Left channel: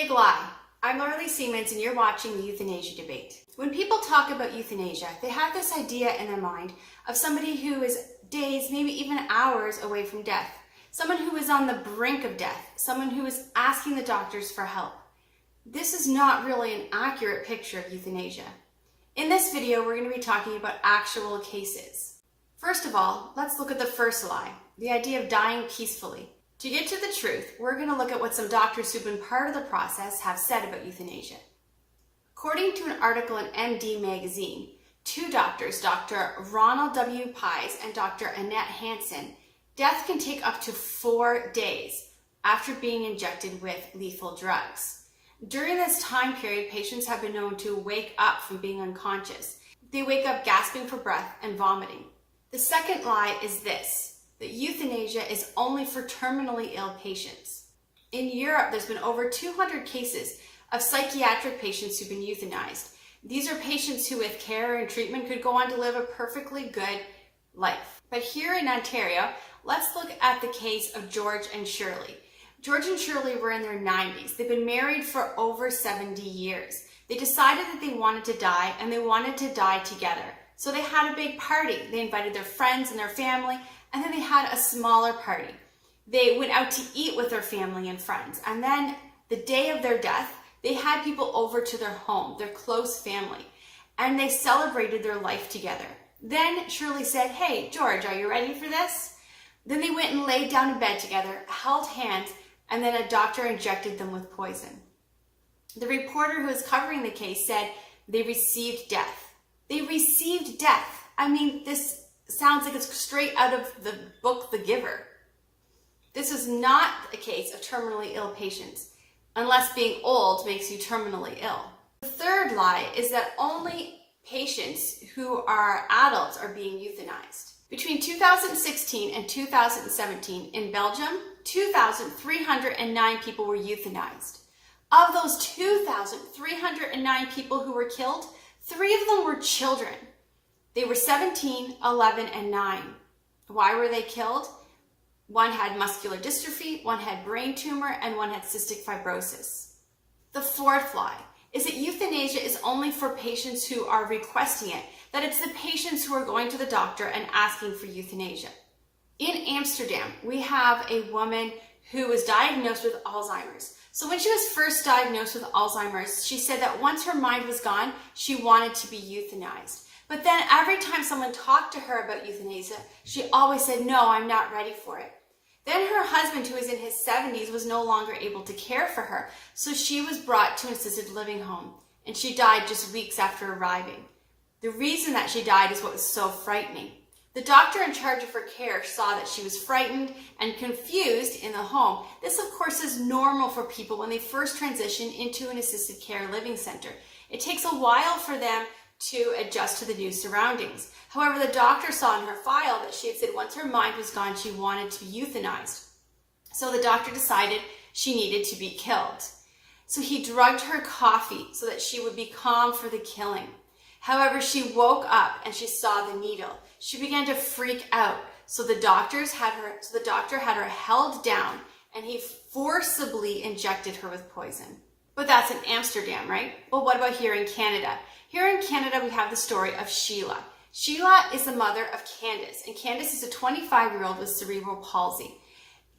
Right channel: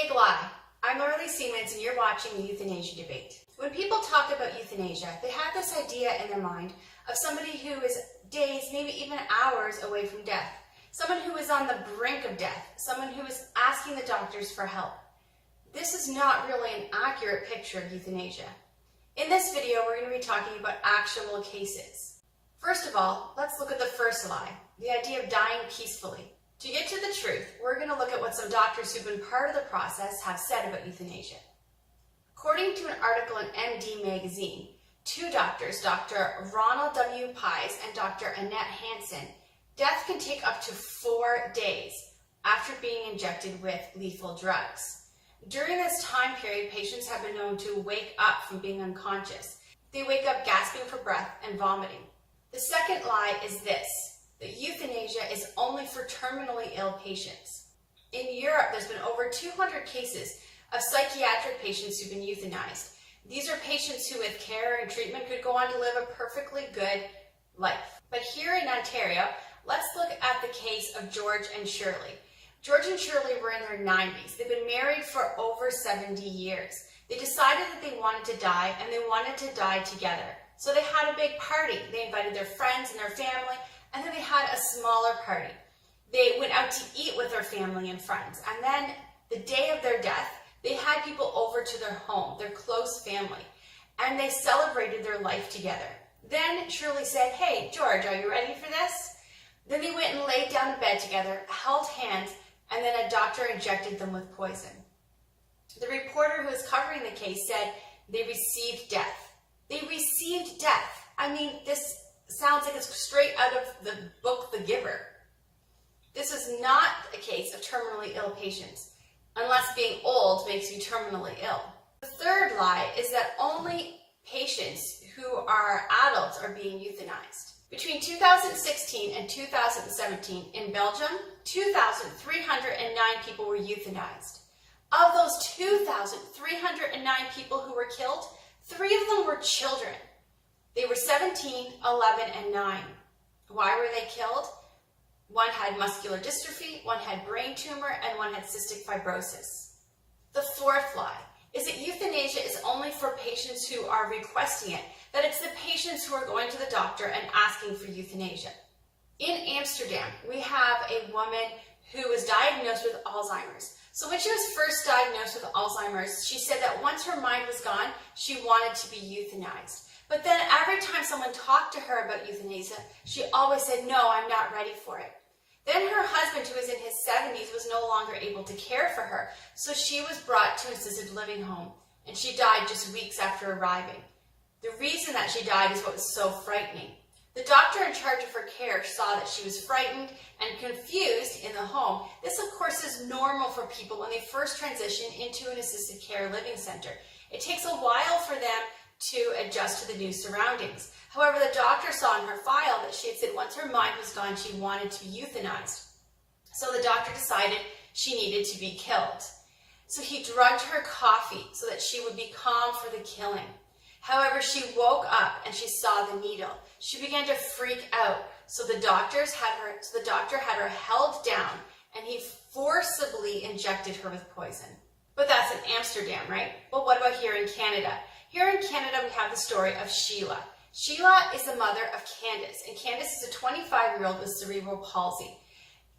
Big lie. I'm Laurie Siemens and you're watching the euthanasia debate. When people talk about euthanasia, they have this idea in their mind of somebody who is days, maybe even hours away from death. Someone who is on the brink of death. Someone who is asking the doctors for help. This is not really an accurate picture of euthanasia. In this video, we're going to be talking about actual cases. First of all, let's look at the first lie, the idea of dying peacefully. To get to the truth, we're going to look at what some doctors who've been part of the process have said about euthanasia. According to an article in MD magazine, two doctors, Dr. Ronald W. Pies and Dr. Annette Hansen, death can take up to 4 days after being injected with lethal drugs. During this time period, patients have been known to wake up from being unconscious. They wake up gasping for breath and vomiting. The second lie is this, that euthanasia is only for terminally ill patients. In Europe, there's been over 200 cases of psychiatric patients who've been euthanized. These are patients who with care and treatment could go on to live a perfectly good life. But here in Ontario, let's look at the case of George and Shirley. George and Shirley were in their 90s. They've been married for over 70 years. They decided that they wanted to die and they wanted to die together. So they had a big party. They invited their friends and their family, and then they had a smaller party. They went out to eat with their family and friends. And then the day of their death, they had people over to their home, their close family, and they celebrated their life together. Then Shirley said, "Hey, George, are you ready for this?" Then they went and laid down in bed together, held hands, and then a doctor injected them with poison. The reporter who was covering the case said they received death. They received death. I mean, this sounds like it's straight out of the book, The Giver. This is not a case of terminally ill patients, unless being old makes you terminally ill. The third lie is that only patients who are adults are being euthanized. Between 2016 and 2017 in Belgium, 2,309 people were euthanized. Of those 2,309 people who were killed, 3 of them were children. They were 17, 11, and 9. Why were they killed? One had muscular dystrophy, one had brain tumor, and one had cystic fibrosis. The fourth lie is that euthanasia is only for patients who are requesting it, that it's the patients who are going to the doctor and asking for euthanasia. In Amsterdam, we have a woman who was diagnosed with Alzheimer's. So when she was first diagnosed with Alzheimer's, she said that once her mind was gone, she wanted to be euthanized. But then every time someone talked to her about euthanasia, she always said, "No, I'm not ready for it." Then her husband, who was in his 70s, was no longer able to care for her, so she was brought to an assisted living home, and she died just weeks after arriving. The reason that she died is what was so frightening. The doctor in charge of her care saw that she was frightened and confused in the home. This, of course, is normal for people when they first transition into an assisted care living center. It takes a while for them to adjust to the new surroundings. However, the doctor saw in her file that she had said once her mind was gone, she wanted to be euthanized. So the doctor decided she needed to be killed. So he drugged her coffee so that she would be calm for the killing. However, she woke up and she saw the needle. She began to freak out. So the doctor had her held down and he forcibly injected her with poison. But that's in Amsterdam, right? Well, what about here in Canada? Here in Canada, we have the story of Sheila. Sheila is the mother of Candace, and Candace is a 25-year-old with cerebral palsy.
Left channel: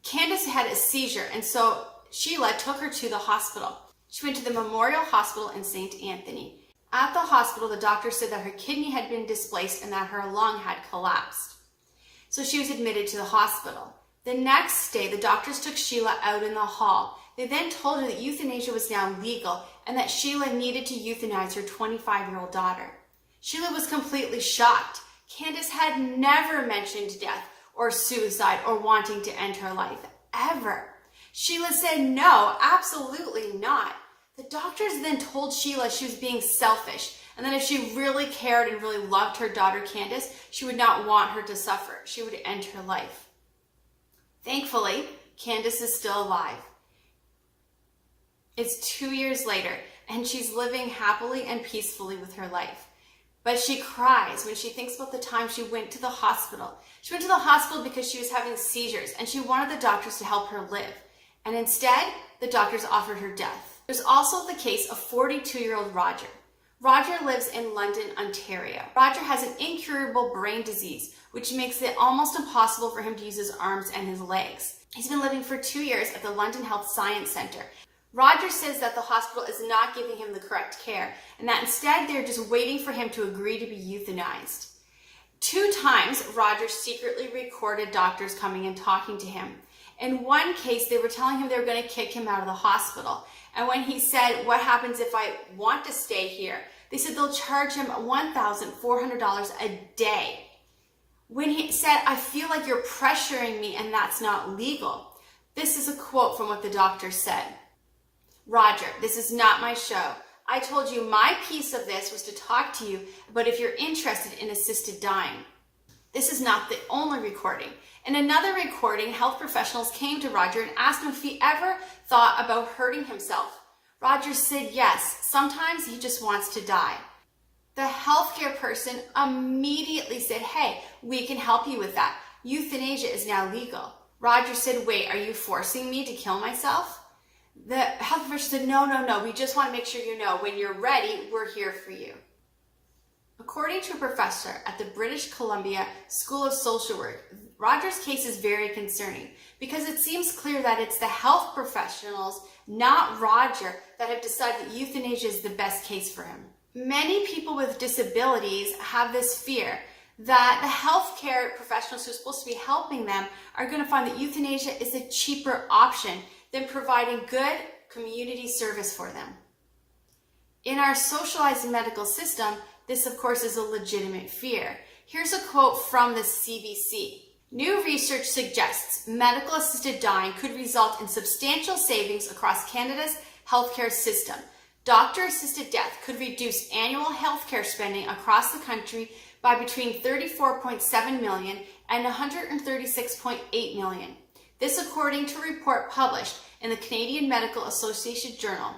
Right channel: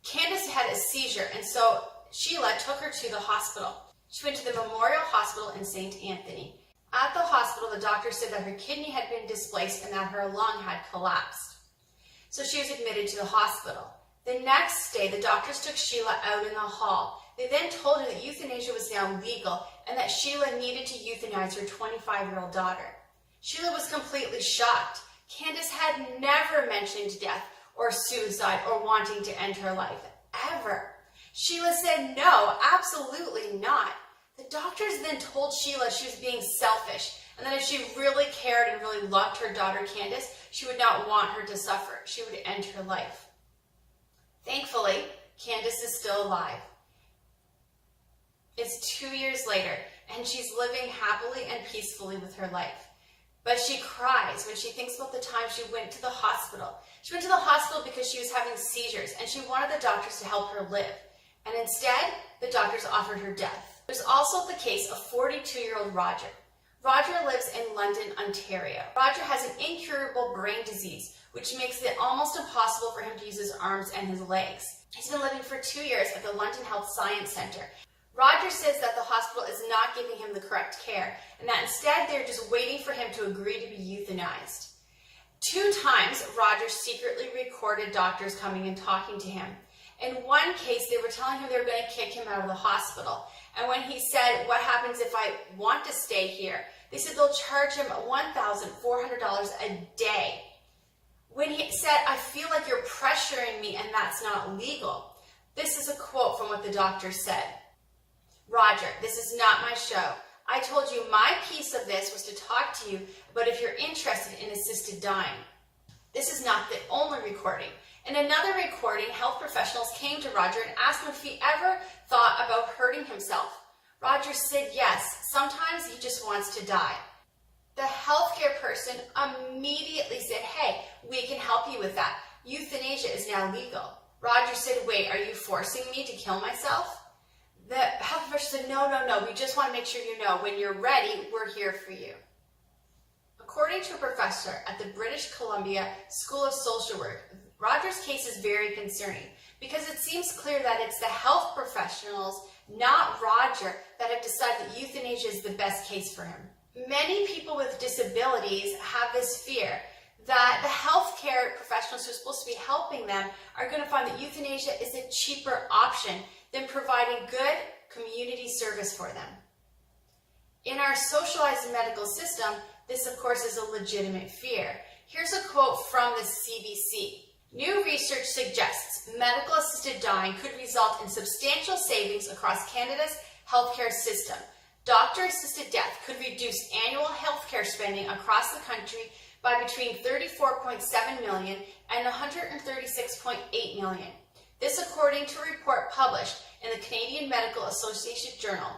Candace had a seizure, and so Sheila took her to the hospital. She went to the Memorial Hospital in St. Anthony. At the hospital, the doctor said that her kidney had been displaced and that her lung had collapsed. So she was admitted to the hospital. The next day, the doctors took Sheila out in the hall. They then told her that euthanasia was now legal and that Sheila needed to euthanize her 25-year-old daughter. Sheila was completely shocked. Candace had never mentioned death or suicide or wanting to end her life, ever. Sheila said, "No, absolutely not." The doctors then told Sheila she was being selfish and that if she really cared and really loved her daughter Candace, she would not want her to suffer. She would end her life. Thankfully, Candace is still alive. It's 2 years later, and she's living happily and peacefully with her life. But she cries when she thinks about the time she went to the hospital. She went to the hospital because she was having seizures, and she wanted the doctors to help her live. And instead, the doctors offered her death. There's also the case of 42-year-old Roger. Roger lives in London, Ontario. Roger has an incurable brain disease, which makes it almost impossible for him to use his arms and his legs. He's been living for 2 years at the London Health Science Centre. Roger says that the hospital is not giving him the correct care, and that instead they're just waiting for him to agree to be euthanized. 2 times, Roger secretly recorded doctors coming and talking to him. In one case, they were telling him they were going to kick him out of the hospital. And when he said, "What happens if I want to stay here?" they said they'll charge him $1,400 a day. When he said, "I feel like you're pressuring me and that's not legal." This is a quote from what the doctor said. "Roger, this is not my show. I told you my piece of this was to talk to you about if you're interested in assisted dying." This is not the only recording. In another recording, health professionals came to Roger and asked him if he ever thought about hurting himself. Roger said yes, sometimes he just wants to die. The healthcare person immediately said, "Hey, we can help you with that. Euthanasia is now legal." Roger said, "Wait, are you forcing me to kill myself?" The health professional said, No, we just want to make sure you know when you're ready, we're here for you." According to a professor at the British Columbia School of Social Work, Roger's case is very concerning because it seems clear that it's the health professionals, not Roger, that have decided that euthanasia is the best case for him. Many people with disabilities have this fear that the healthcare professionals who are supposed to be helping them are going to find that euthanasia is a cheaper option than providing good community service for them. In our socialized medical system, this of course is a legitimate fear. Here's a quote from the CBC. "New research suggests medical assisted dying could result in substantial savings across Canada's healthcare system. Doctor-assisted death could reduce annual healthcare spending across the country by between $34.7 million and $136.8 million. This according to a report published in the Canadian Medical Association Journal.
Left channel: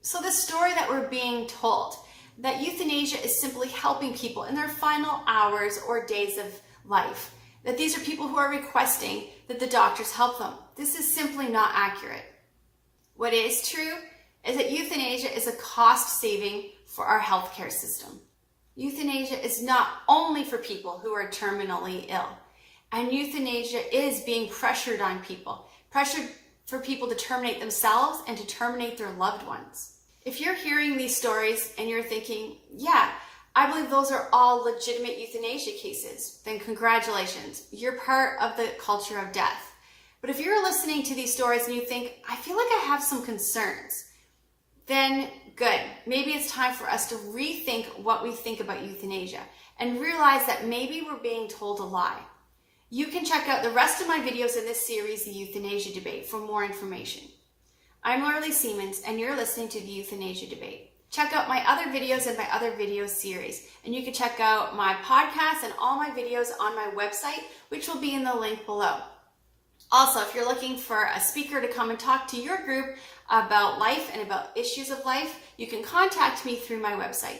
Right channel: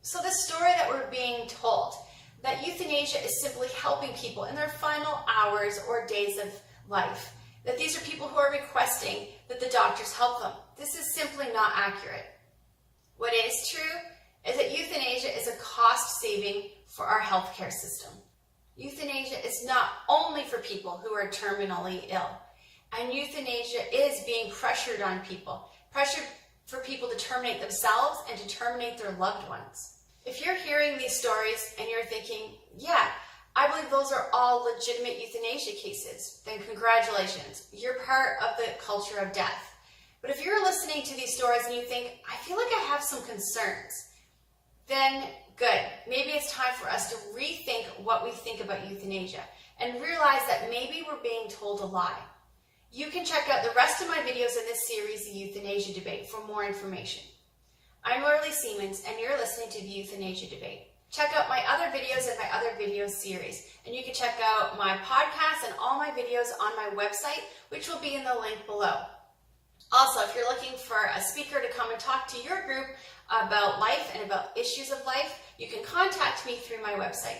So the story that we're being told, that euthanasia is simply helping people in their final hours or days of life, that these are people who are requesting that the doctors help them. This is simply not accurate. What is true is that euthanasia is a cost saving for our healthcare system. Euthanasia is not only for people who are terminally ill, and euthanasia is being pressured on people, pressured for people to terminate themselves and to terminate their loved ones. If you're hearing these stories and you're thinking, yeah, I believe those are all legitimate euthanasia cases, then congratulations, you're part of the culture of death. But if you're listening to these stories and you think, I feel like I have some concerns, then good. Maybe it's time for us to rethink what we think about euthanasia and realize that maybe we're being told a lie. You can check out the rest of my videos in this series, The Euthanasia Debate, for more information. I'm Lorelei Siemens, and you're listening to The Euthanasia Debate. Check out my other videos and my other video series, and you can check out my podcasts and all my videos on my website, which will be in the link below. Also, if you're looking for a speaker to come and talk to your group about life and about issues of life, you can contact me through my website.